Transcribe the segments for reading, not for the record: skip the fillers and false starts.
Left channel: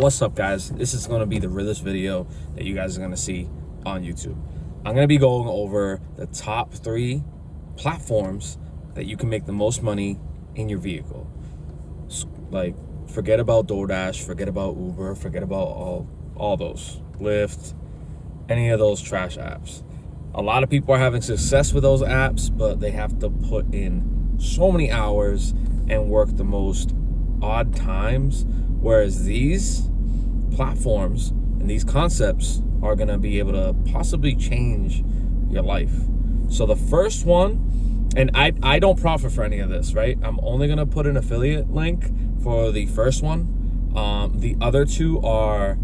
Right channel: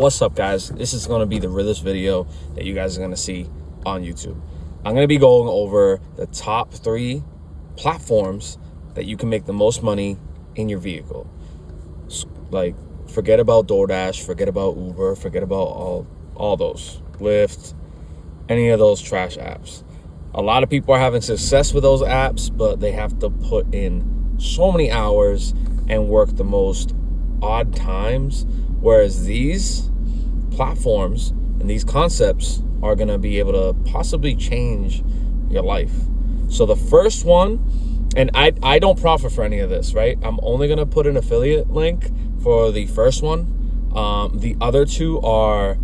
What's up, guys? This is going to be the realest video that you guys are going to see on YouTube. I'm going to be going over the top 3 platforms that you can make the most money in your vehicle. Like, forget about DoorDash, forget about Uber, forget about all those, Lyft, any of those trash apps. A lot of people are having success with those apps, but they have to put in so many hours and work the most odd times, whereas these platforms and these concepts are going to be able to possibly change your life. So the first one, and I don't profit for any of this, right? I'm only going to put an affiliate link for the first one. The other 2 are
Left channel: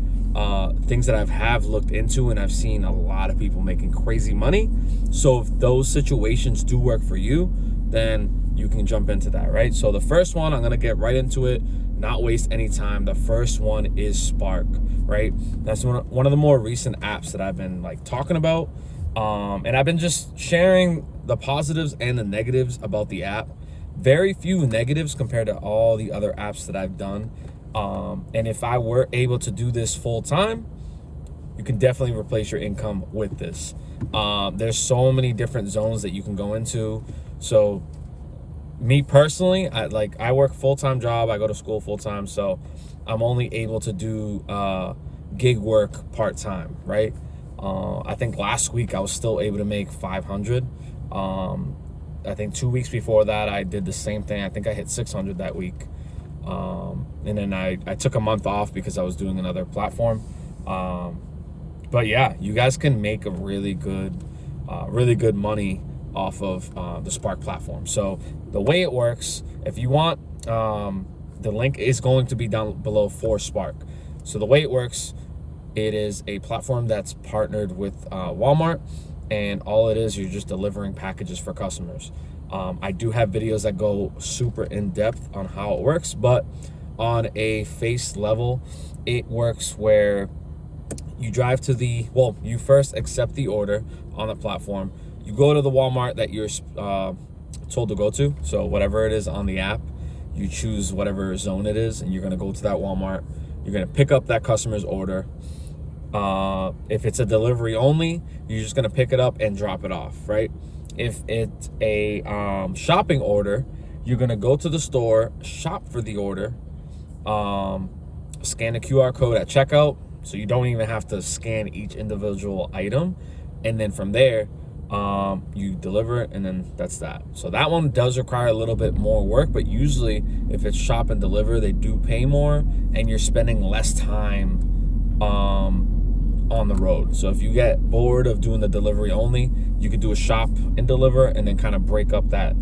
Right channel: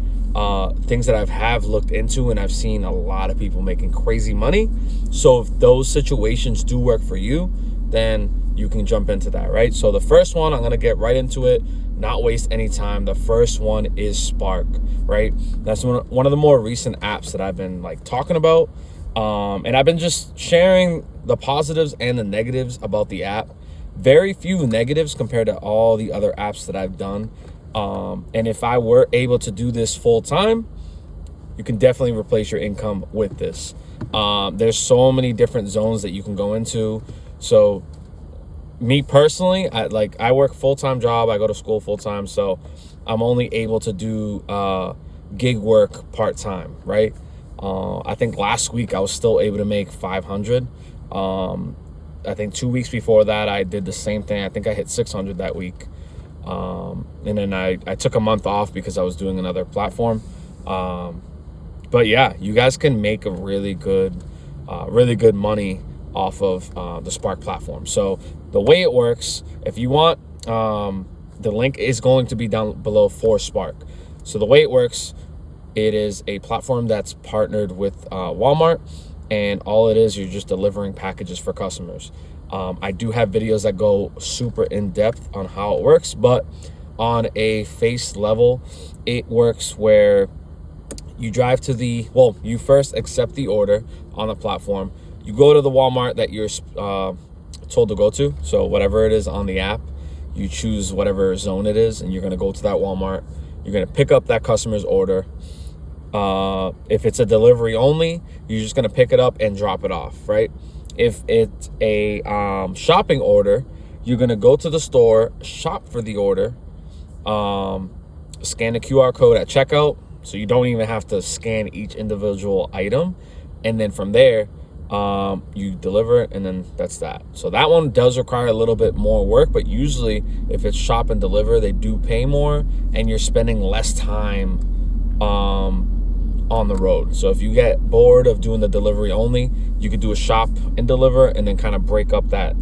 things that I have looked into, and I've seen a lot of people making crazy money. So if those situations do work for you, then you can jump into that, right? So the first one, I'm gonna get right into it, not waste any time. The first one is Spark, right? That's one of the more recent apps that I've been like talking about. And I've been just sharing the positives and the negatives about the app. Very few negatives compared to all the other apps that I've done. And if I were able to do this full time, you can definitely replace your income with this. There's so many different zones that you can go into. So me personally, I work full-time job. I go to school full-time. So I'm only able to do gig work part-time, right? I think last week I was still able to make 500. I think 2 weeks before that, I did the same thing. I think I hit 600 that week. And then I took a month off because I was doing another platform. But yeah, you guys can make a really good money off of the Spark platform. So the way it works, if you want, the link is going to be down below for Spark. So the way it works, it is a platform that's partnered with Walmart, and all it is, you're just delivering packages for customers. I do have videos that go super in depth on how it works, but on a face level, it works where you drive to you first accept the order on the platform. You go to the Walmart that you're told to go to. So whatever it is on the app, you choose whatever zone it is, and you're gonna go to that Walmart. You're gonna pick up that customer's order. If it's a delivery only, you're just gonna pick it up and drop it off, right? If it's a shopping order, you're gonna go to the store, shop for the order, scan the QR code at checkout, so you don't even have to scan each individual item, and then from there, you deliver it, and then that's that. So that one does require a little bit more work, but usually if it's shop and deliver, they do pay more, and you're spending less time on the road. So if you get bored of doing the delivery only, you could do a shop and deliver, and then kind of break up that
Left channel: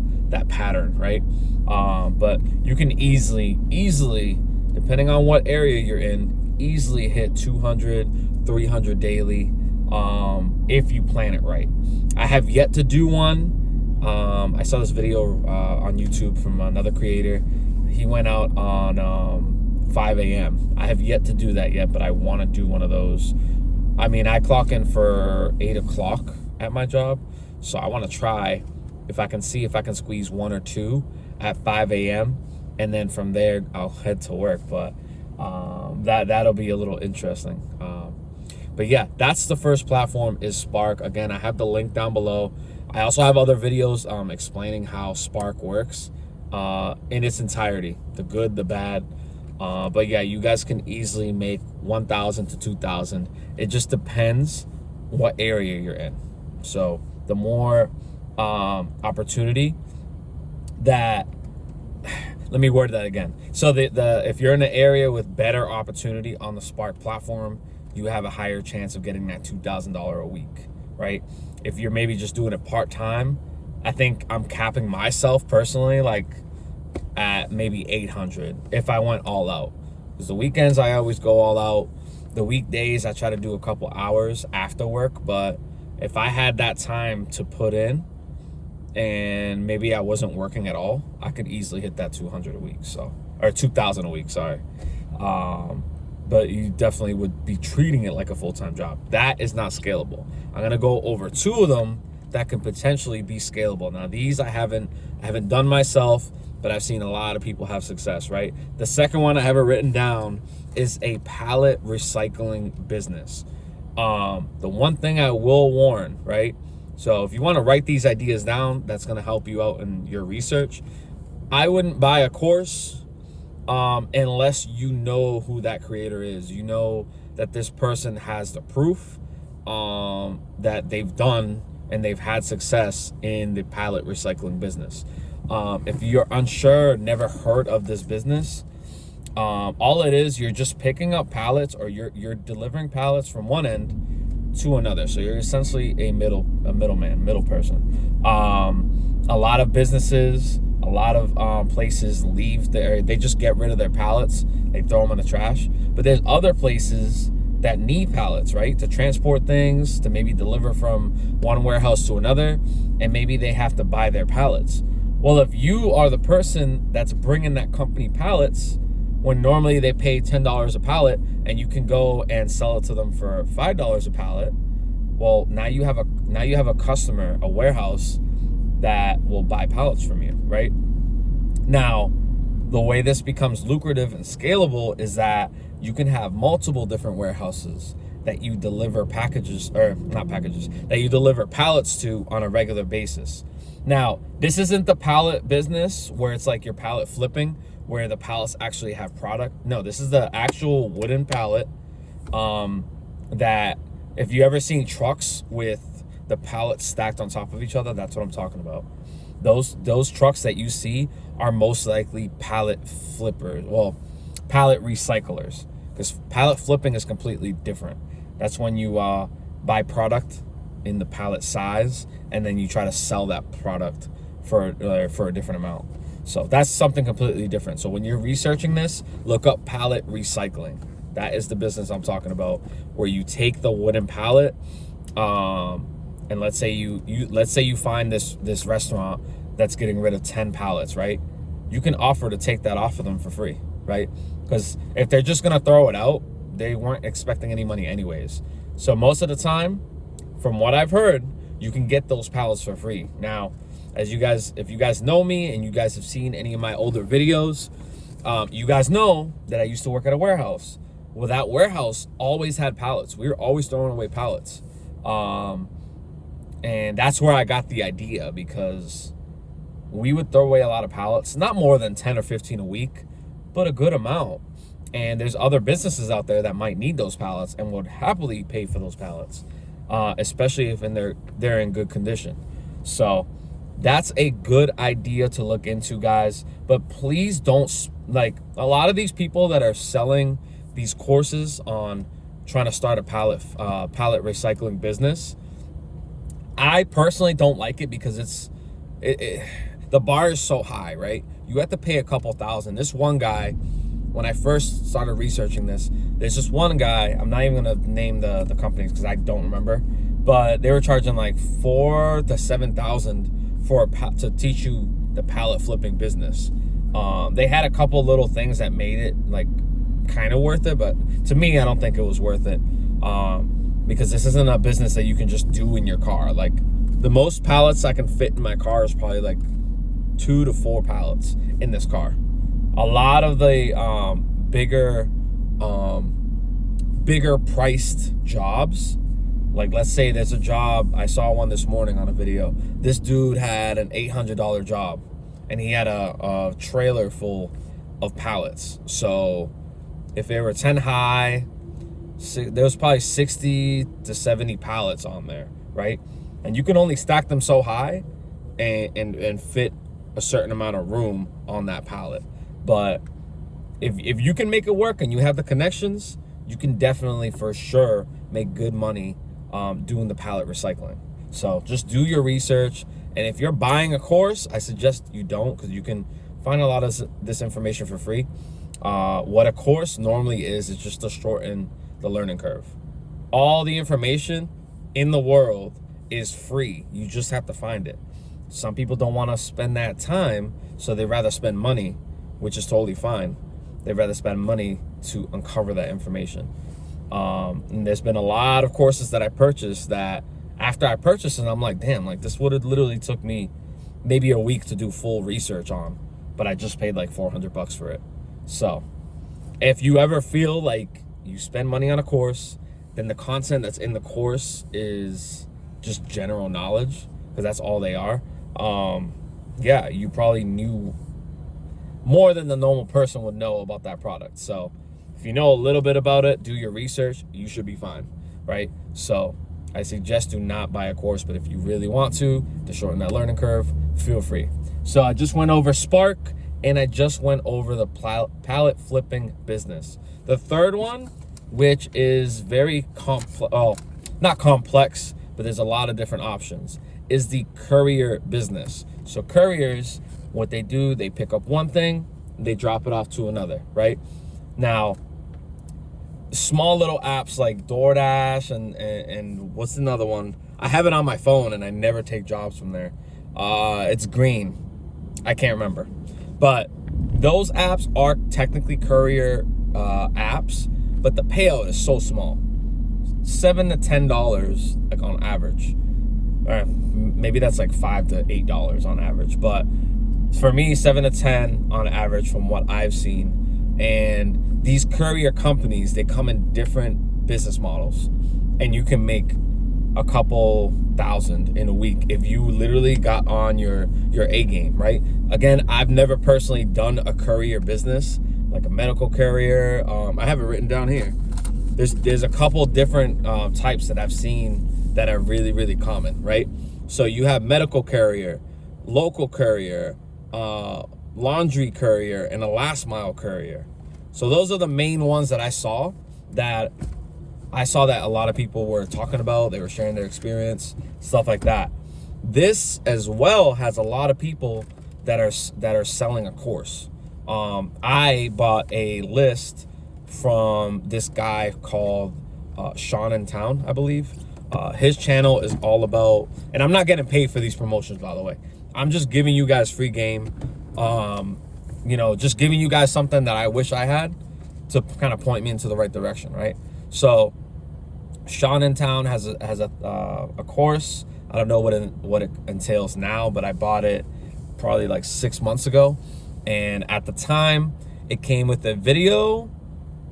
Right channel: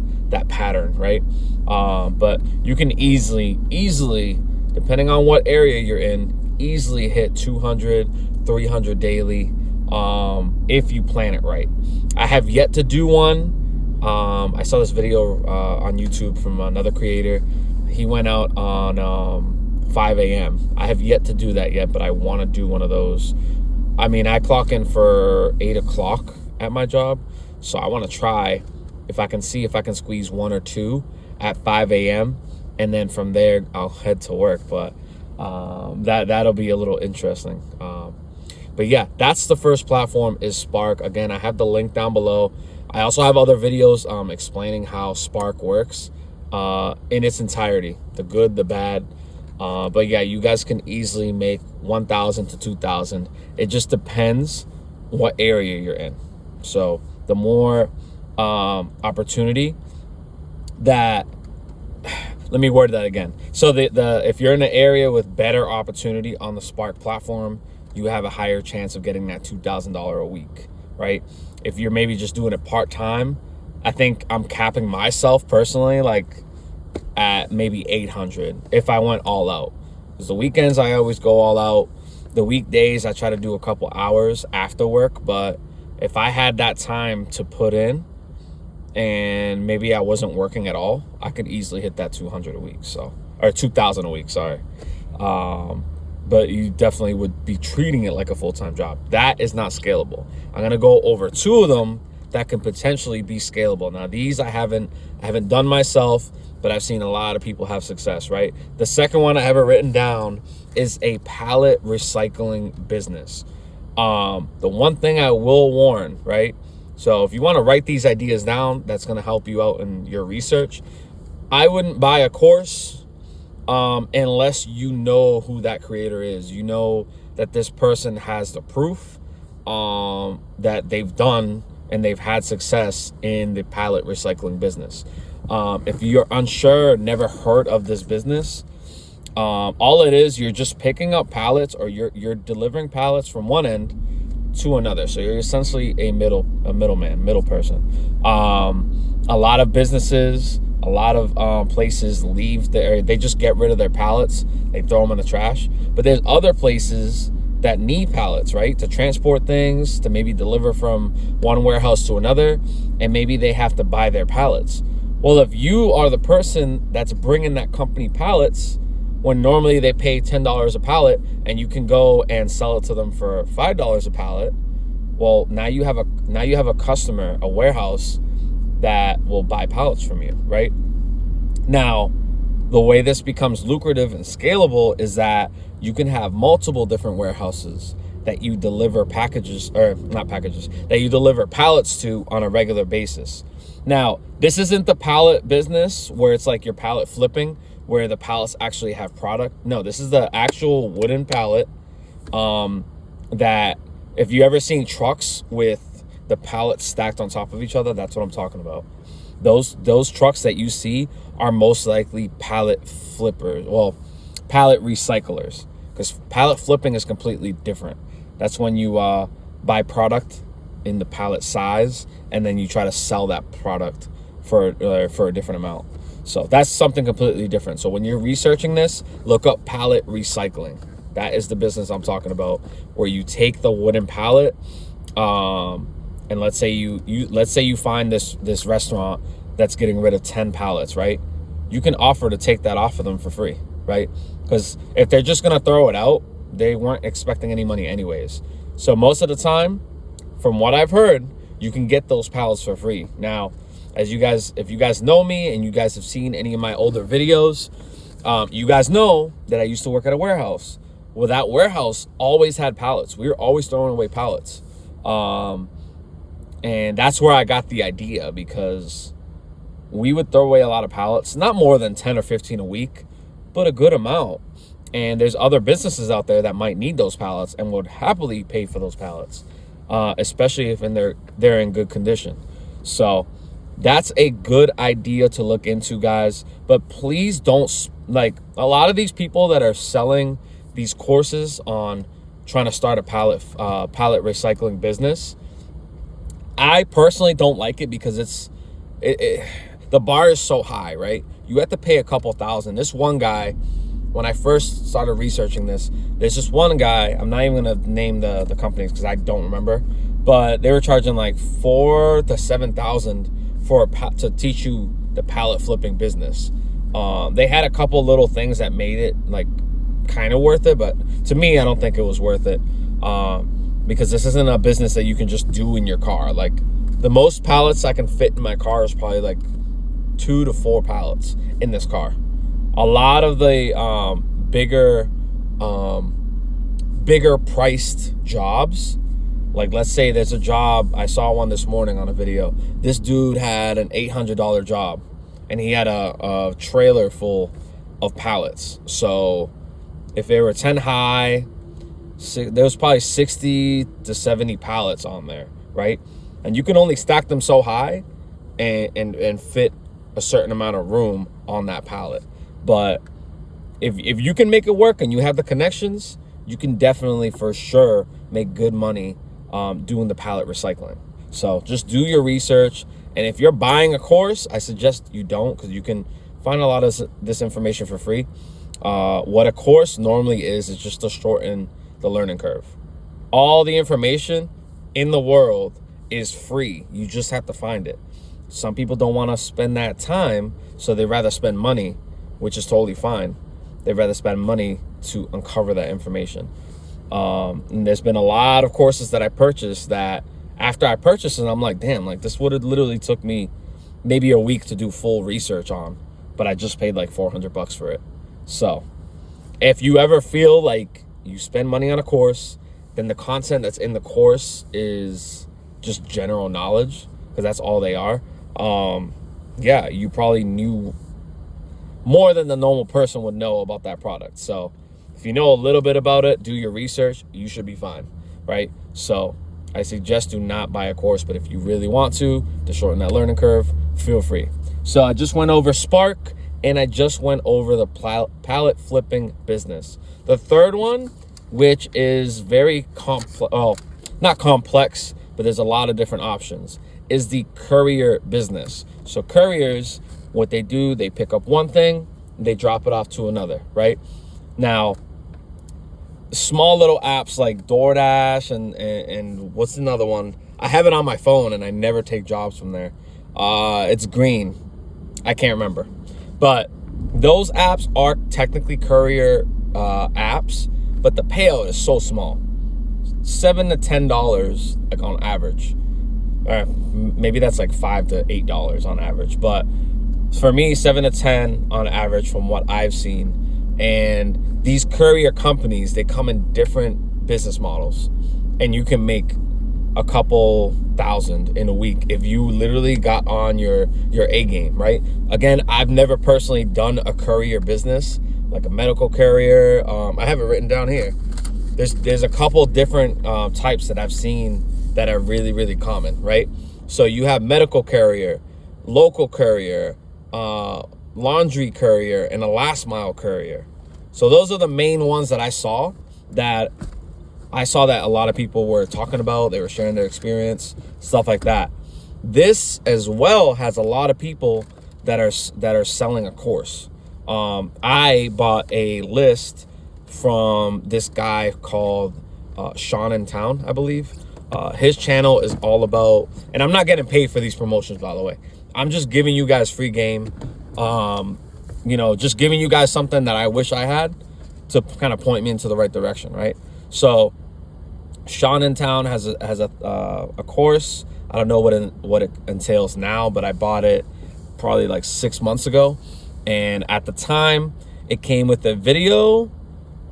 pattern, right? But you can easily, depending on what area you're in, easily hit 200, 300 daily if you plan it right. I have yet to do one. I saw this video on YouTube from another creator. He went out on 5 a.m. I have yet to do that yet, but I want to do one of those. I mean, I clock in for 8 o'clock at my job, so I want to try if I can squeeze 1 or 2 at 5 a.m. and then from there I'll head to work. But that'll be a little interesting. But yeah, that's the first platform, is Spark. Again, I have the link down below. I also have other videos explaining how Spark works in its entirety, the good, the bad. But yeah, you guys can easily make 1,000 to 2,000. It just depends what area you're in. So the more opportunity that, let me word that again. So if you're in an area with better opportunity on the Spark platform, you have a higher chance of getting that $2,000 a week, right? If you're maybe just doing it part-time, I think I'm capping myself personally like at maybe 800 if I went all out. Because the weekends I always go all out. The weekdays I try to do a couple hours after work, but if I had that time to put in and maybe I wasn't working at all, I could easily hit that 200 a week, or 2,000 a week, sorry. But you definitely would be treating it like a full-time job. That is not scalable. I'm gonna go over 2 of them that can potentially be scalable. Now, these I haven't done myself, but I've seen a lot of people have success, right? The second one I have it written down is a pallet recycling business. The one thing I will warn, right? So if you want to write these ideas down, that's going to help you out in your research. I wouldn't buy a course unless you know who that creator is. You know that this person has the proof that they've done and they've had success in the pallet recycling business. If you're unsure, never heard of this business, all it is, you're just picking up pallets, or you're delivering pallets from one end to another. So you're essentially a middle person. A lot of businesses, a lot of places leave they just get rid of their pallets. They throw them in the trash. But there's other places that need pallets, right? To transport things, to maybe deliver from one warehouse to another, and maybe they have to buy their pallets. Well, if you are the person that's bringing that company pallets, when normally they pay $10 a pallet, and you can go and sell it to them for $5 a pallet, well, now you have a customer, a warehouse that will buy pallets from you, right? Now, the way this becomes lucrative and scalable is that you can have multiple different warehouses that you deliver that you deliver pallets to on a regular basis. Now, this isn't the pallet business where it's like your pallet flipping, where the pallets actually have product. No, this is the actual wooden pallet that if you ever seen trucks with the pallets stacked on top of each other, that's what I'm talking about. Those trucks that you see are most likely pallet flippers, well, pallet recyclers, because pallet flipping is completely different. That's when you buy product in the pallet size, and then you try to sell that product for a different amount. So that's something completely different. So when you're researching this, look up pallet recycling. That is the business I'm talking about, where you take the wooden pallet, and let's say you find this restaurant that's getting rid of 10 pallets, right? You can offer to take that off of them for free, right? Because if they're just gonna throw it out, they weren't expecting any money anyways. So most of the time, from what I've heard, you can get those pallets for free. Now, if you guys know me and you guys have seen any of my older videos, you guys know that I used to work at a warehouse. Well, that warehouse always had pallets. We were always throwing away pallets. And that's where I got the idea, because we would throw away a lot of pallets, not more than 10 or 15 a week, but a good amount. And there's other businesses out there that might need those pallets and would happily pay for those pallets, especially if they're in good condition. So that's a good idea to look into, guys. But please don't, like, a lot of these people that are selling these courses on trying to start a pallet recycling business, I personally don't like it, because the bar is so high, right? You have to pay a couple thousand. This one guy, when I first started researching this, there's just one guy, I'm not even gonna name the companies because I don't remember, but they were charging like $4,000 to $7,000 to teach you the pallet flipping business. They had a couple little things that made it like kind of worth it, but to me, I don't think it was worth it, because this isn't a business that you can just do in your car. Like, the most pallets I can fit in my car is probably like 2 to 4 pallets in this car. A lot of the bigger priced jobs, like let's say there's a job, I saw one this morning on a video. This dude had an $800 job, and he had a trailer full of pallets. So if they were 10 high, there was probably 60 to 70 pallets on there, right? And you can only stack them so high and fit a certain amount of room on that pallet. But if you can make it work and you have the connections, you can definitely for sure make good money doing the pallet recycling. So just do your research. And if you're buying a course, I suggest you don't, because you can find a lot of this information for free. What a course normally is just to shorten the learning curve. All the information in the world is free. You just have to find it. Some people don't want to spend that time, so they'd rather spend money, which is totally fine. They'd rather spend money to uncover that information. And there's been a lot of courses that I purchased that after I purchased it, I'm like, damn, like this would have literally took me maybe a week to do full research on, but I just paid like $400 for it. So if you ever feel like you spend money on a course, then the content that's in the course is just general knowledge, because that's all they are. Yeah, you probably knew more than the normal person would know about that product. So if you know a little bit about it, do your research, you should be fine, right? So I suggest do not buy a course, but if you really want to shorten that learning curve, feel free. So I just went over Spark, and I just went over the pallet flipping business. The third one, which is very not complex, but there's a lot of different options, is the courier business. So couriers, what they do, they pick up one thing, they drop it off to another, right? Now, small little apps like DoorDash and what's another one? I have it on my phone and I never take jobs from there. It's green. I can't remember. But those apps are technically courier apps, but the payout is so small. $7 to $10 like on average. Maybe that's like $5 to $8 on average. But for me, 7 to 10 on average from what I've seen. And these courier companies, they come in different business models, and you can make a couple thousand in a week if you literally got on your A game, right? Again, I've never personally done a courier business, like a medical courier. I have it written down here. There's a couple different types that I've seen that are really, really common, right? So you have medical courier, local courier, laundry courier, and a last mile courier. So those are the main ones that I saw that a lot of people were talking about. They were sharing their experience, stuff like that. This as well has a lot of people that are selling a course. I bought a list from this guy called Sean in Town, I believe. His channel is all about, and I'm not getting paid for these promotions, by the way. I'm just giving you guys free game. Just giving you guys something that I wish I had to kind of point me into the right direction, right? So Sean in Town has a course. I don't know what it entails now, but I bought it probably like 6 months ago, and at the time it came with a video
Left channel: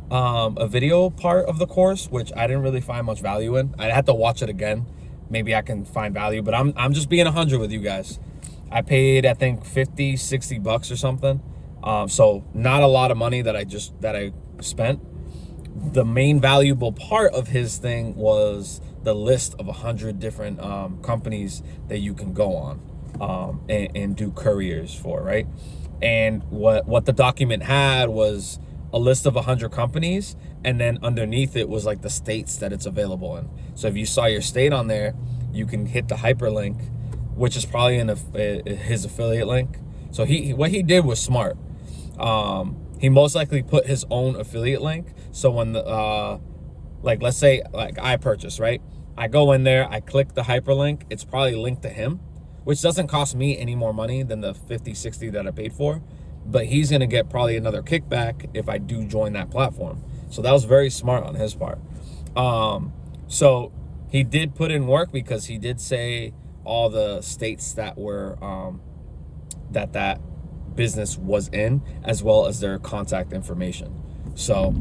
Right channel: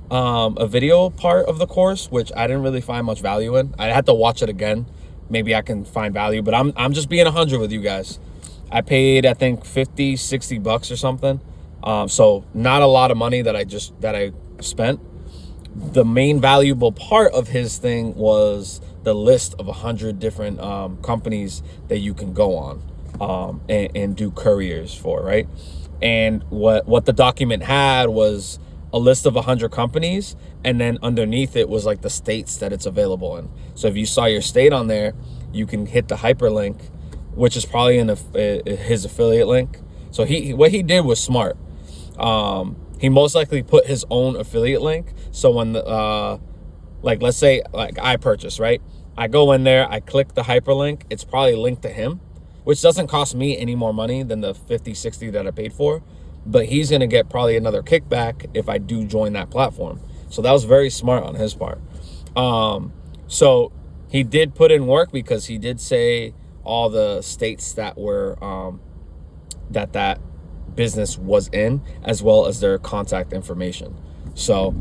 part of the course, which I didn't really find much value in. I had to watch it again. Maybe I can find value, but I'm just being 100 with you guys. I paid, I think, $50-$60 or something. So not a lot of money that I spent. The main valuable part of his thing was the list of 100 different companies that you can go on and do couriers for, right? And what the document had was a list of 100 companies, and then underneath it was like the states that it's available in. So if you saw your state on there, you can hit the hyperlink, which is probably in his affiliate link. So what he did was smart. He most likely put his own affiliate link. So when let's say like I purchase, right? I go in there, I click the hyperlink. It's probably linked to him, which doesn't cost me any more money than the $50-$60 that I paid for. But he's going to get probably another kickback if I do join that platform. So that was very smart on his part. So he did put in work, because he did say all the states that were that business was in, as well as their contact information. So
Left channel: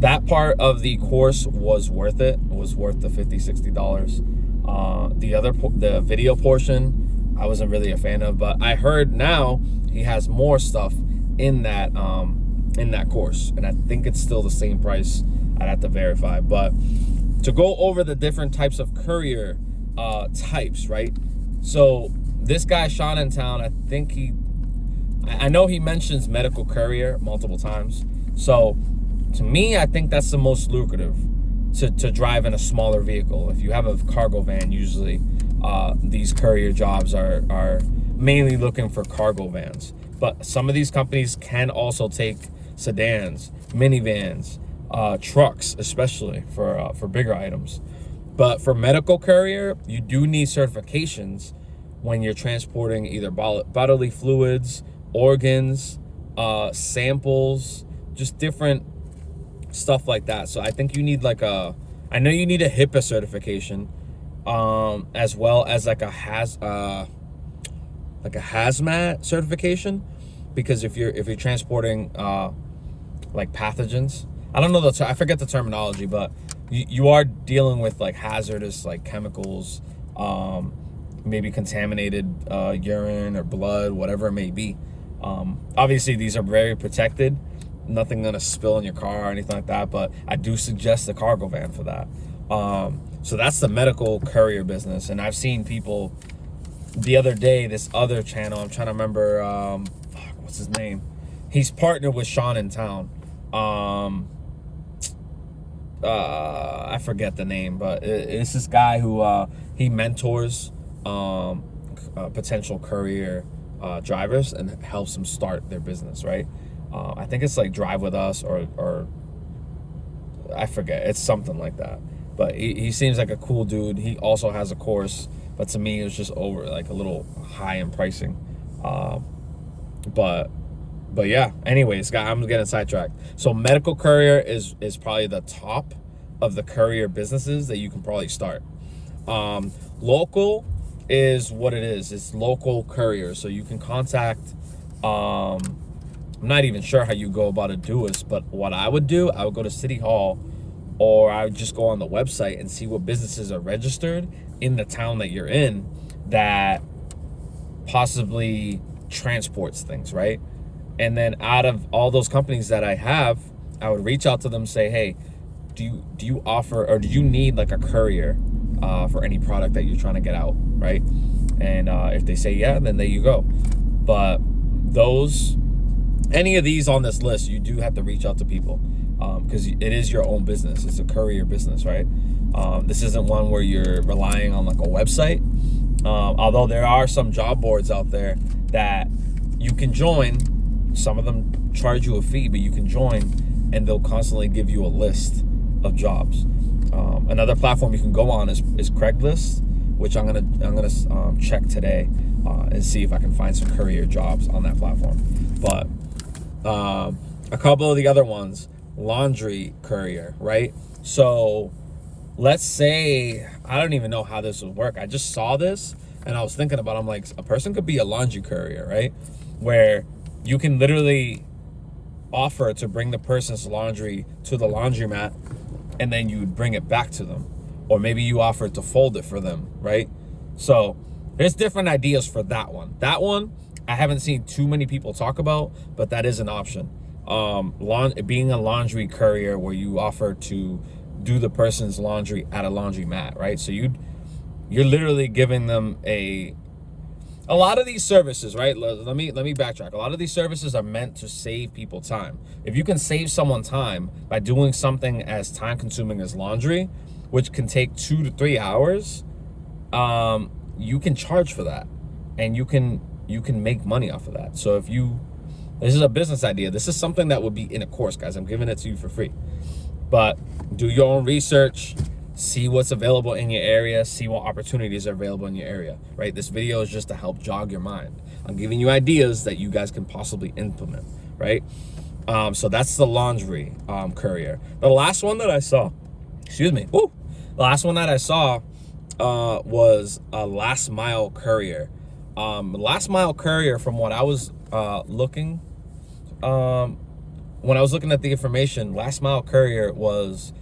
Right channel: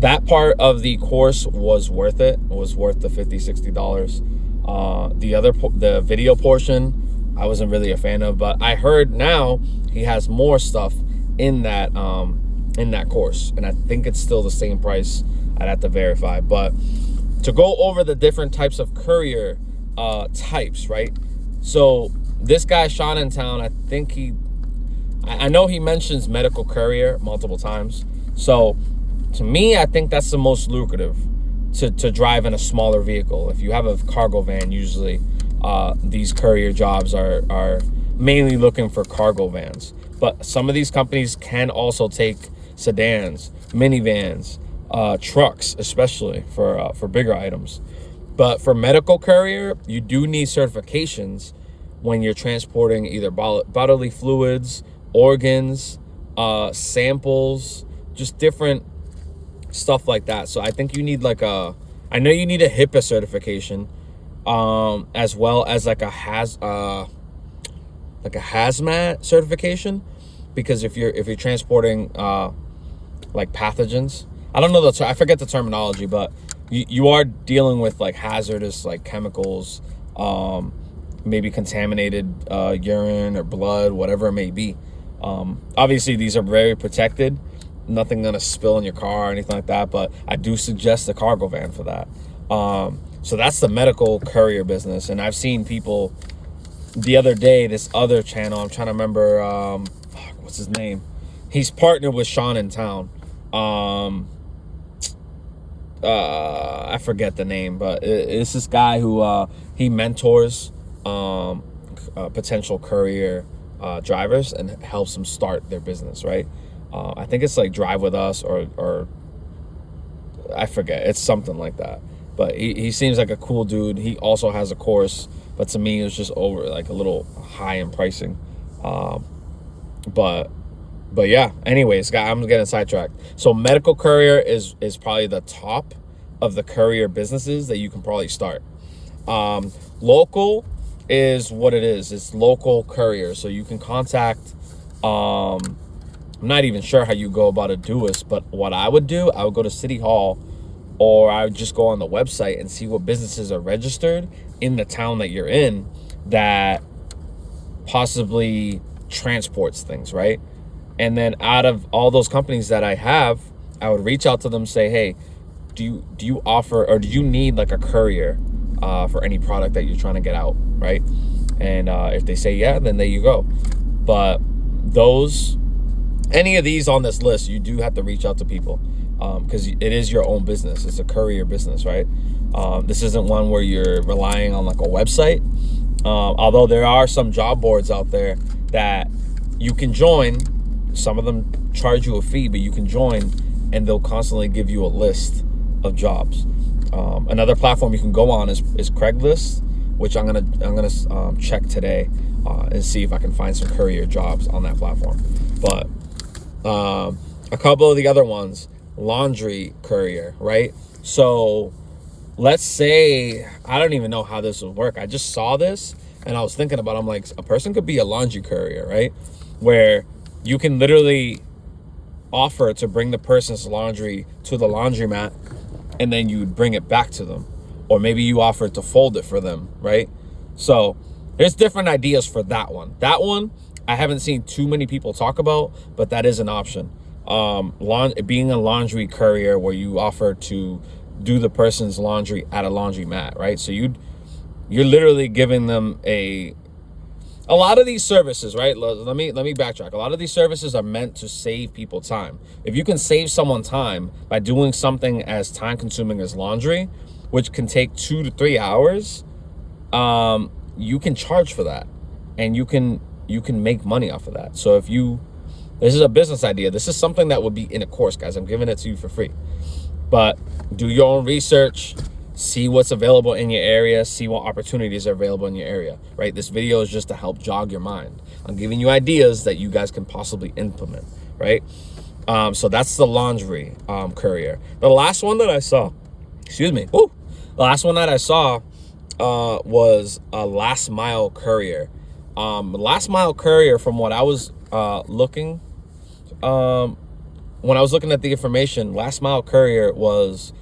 that part of the course was worth it. It was worth the $50-$60. The video portion I wasn't really a fan of, but I heard now he has more stuff in that course, and I think it's still the same price. I'd have to verify. But to go over the different types of courier types, right? So this guy Sean in Town, I know he mentions medical courier multiple times. So to me, I think that's the most lucrative, to drive in a smaller vehicle. If you have a cargo van, usually these courier jobs are mainly looking for cargo vans. But some of these companies can also take sedans, minivans, trucks, especially for bigger items. But for medical courier, you do need certifications when you're transporting either bodily fluids, organs, samples, just different stuff like that. So I think you need I know you need a HIPAA certification. as well as like a hazmat certification, because if you're transporting like pathogens, I don't know I forget the terminology, but you are dealing with like hazardous like chemicals, maybe contaminated urine or blood, whatever it may be. Obviously these are very protected, nothing gonna spill in your car or anything like that, but I do suggest the cargo van for that. So that's the medical courier business. And I've seen people the other day, this other channel, I'm trying to remember, what's his name? He's partnered with Sean in Town. I forget the name, but it's this guy who he mentors potential courier drivers and helps them start their business, right? I think it's like Drive With Us or I forget. It's something like that. But he seems like a cool dude. He also has a course, but to me, it was just over like a little high in pricing. But yeah. Anyways, guys, I'm getting sidetracked. So medical courier is probably the top of the courier businesses that you can probably start. Local is what it is. It's local courier. So you can contact. I'm not even sure how you go about it, do this, but what I would do, I would go to City Hall, or I would just go on the website and see what businesses are registered in the town that you're in that possibly transports things, right? And then out of all those companies that I have, I would reach out to them, say, hey, do you offer, or do you need like a courier for any product that you're trying to get out, right? And if they say yeah, then there you go. But any of these on this list, you do have to reach out to people, because it is your own business. It's a courier business, right? This isn't one where you're relying on like a website. Although there are some job boards out there that you can join. Some of them charge you a fee, but you can join and they'll constantly give you a list of jobs. Another platform you can go on is Craigslist, which I'm gonna check today and see if I can find some courier jobs on that platform. But a couple of the other ones, laundry courier, right? So let's say, I don't even know how this would work. I just saw this and I was thinking about, I'm like, a person could be a laundry courier, right? Where you can literally offer to bring the person's laundry to the laundromat and then you bring it back to them. Or maybe you offer to fold it for them, right? So there's different ideas for that one. That one, I haven't seen too many people talk about, but that is an option. Being a laundry courier where you offer to do the person's laundry at a laundromat, right? So you're literally giving them a lot of these services, right? Let me backtrack. A lot of these services are meant to save people time. If you can save someone time by doing something as time consuming as laundry, which can take 2 to 3 hours, you can charge for that, and you can make money off of that. So this is a business idea. This is something that would be in a course, guys. I'm giving it to you for free. But do your own research, see what's available in your area, see what opportunities are available in your area, right? This video is just to help jog your mind. I'm giving you ideas that you guys can possibly implement, right? So that's the laundry courier. The last one that I saw, the last one that I saw was a last mile courier. Last mile courier, from what I was looking, when I was looking at the information, last mile courier was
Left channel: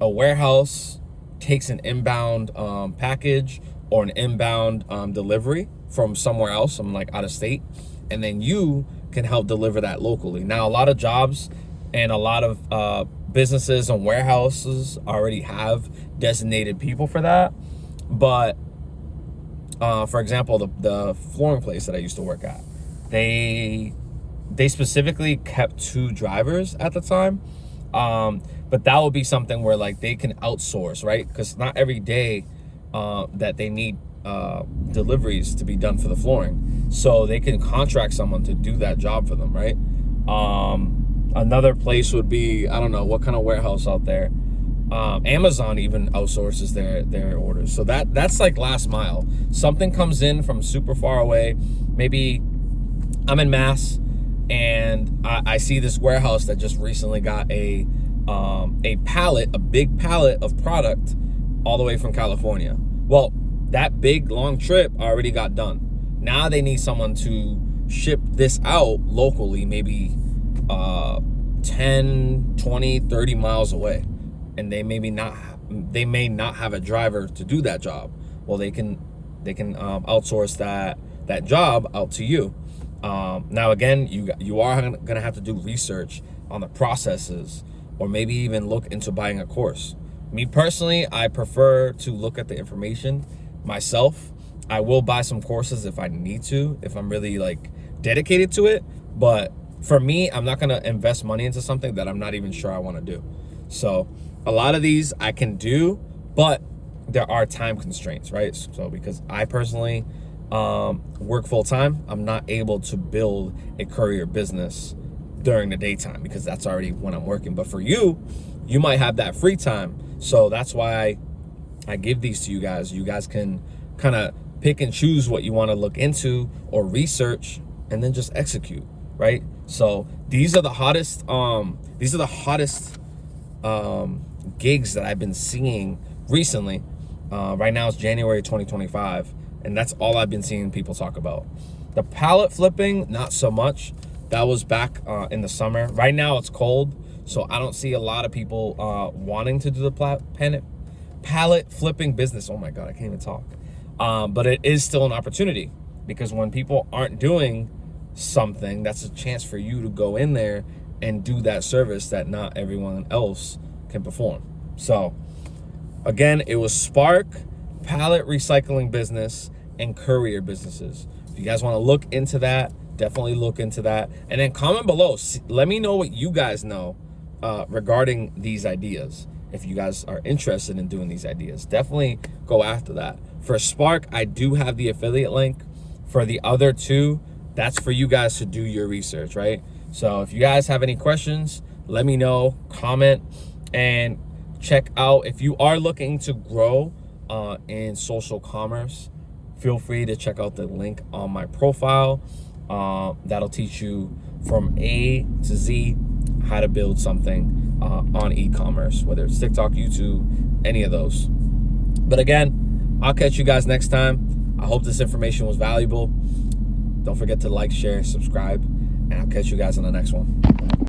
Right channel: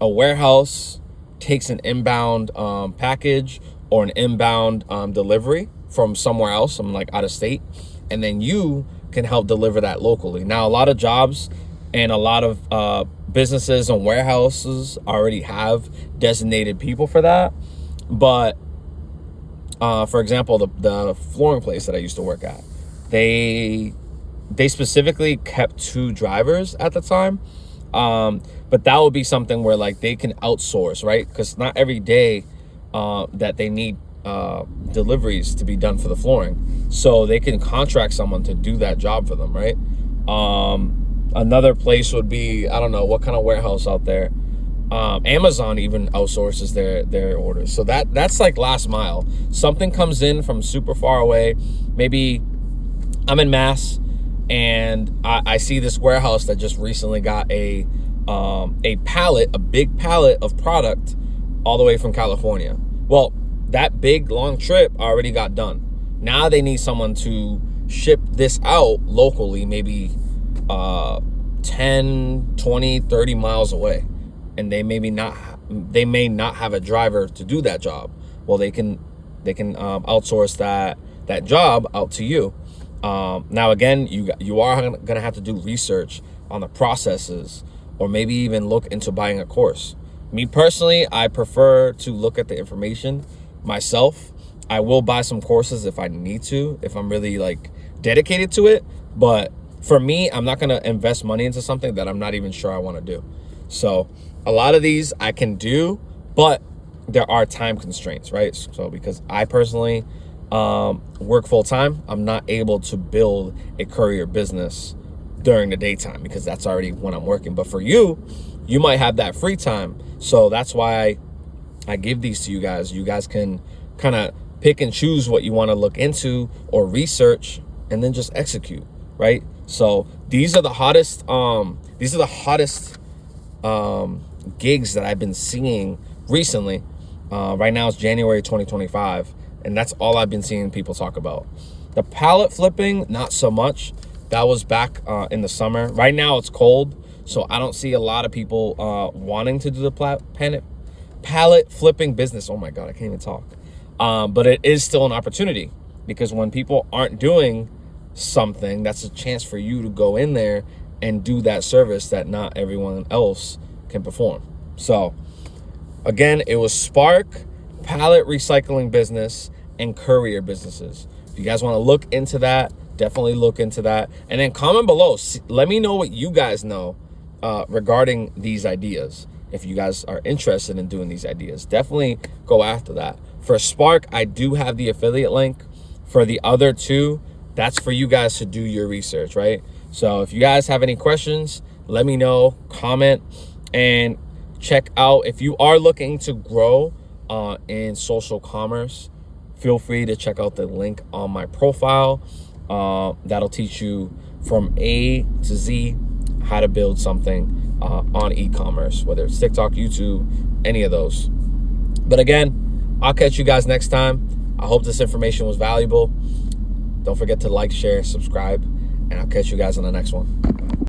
a warehouse takes an inbound package or an inbound delivery from somewhere else, from like out of state, and then you can help deliver that locally. Now, a lot of jobs and a lot of businesses and warehouses already have designated people for that. But for example, the flooring place that I used to work at, they specifically kept 2 drivers at the time. But that would be something where like they can outsource, right? Because not every day that they need deliveries to be done for the flooring. So they can contract someone to do that job for them, right? Another place would be, I don't know, what kind of warehouse out there? Amazon even outsources their orders. So that's like last mile. Something comes in from super far away. Maybe I'm in Mass and I see this warehouse that just recently got a big pallet of product all the way from California. Well, that big long trip already got done. Now they need someone to ship this out locally, maybe 10, 20, 30 miles away. And they may not have a driver to do that job. Well, they can outsource that job out to you. Now again, you are gonna have to do research on the processes, or maybe even look into buying a course. Me personally, I prefer to look at the information myself. I will buy some courses if I need to, if I'm really like dedicated to it. But for me, I'm not gonna invest money into something that I'm not even sure I want to do. So a lot of these I can do, but there are time constraints, right? So because I personally work full time, I'm not able to build a courier business during the daytime, because that's already when I'm working. But for you, you might have that free time. So that's why I give these to you guys. You guys can kind of pick and choose what you want to look into or research, and then just execute, right? So these are the hottest gigs that I've been seeing recently. Right now it's January 2025, and that's all I've been seeing people talk about. The pallet flipping, not so much. That was back in the summer. Right now it's cold, so I don't see a lot of people wanting to do the pallet flipping business. Oh my God, I can't even talk. But it is still an opportunity, because when people aren't doing something, that's a chance for you to go in there and do that service that not everyone else can perform. So again, it was Spark, pallet recycling business, and courier businesses. If you guys want to look into that, definitely look into that. And then comment below. Let me know what you guys know regarding these ideas. If you guys are interested in doing these ideas, definitely go after that. For Spark, I do have the affiliate link. For the other two, that's for you guys to do your research, right? So if you guys have any questions, let me know, comment, and check out. If you are looking to grow in social commerce, feel free to check out the link on my profile. That'll teach you from A to Z how to build something on e-commerce, whether it's TikTok, YouTube, any of those. But again, I'll catch you guys next time. I hope this information was valuable. Don't forget to like, share, subscribe, and I'll catch you guys on the next one.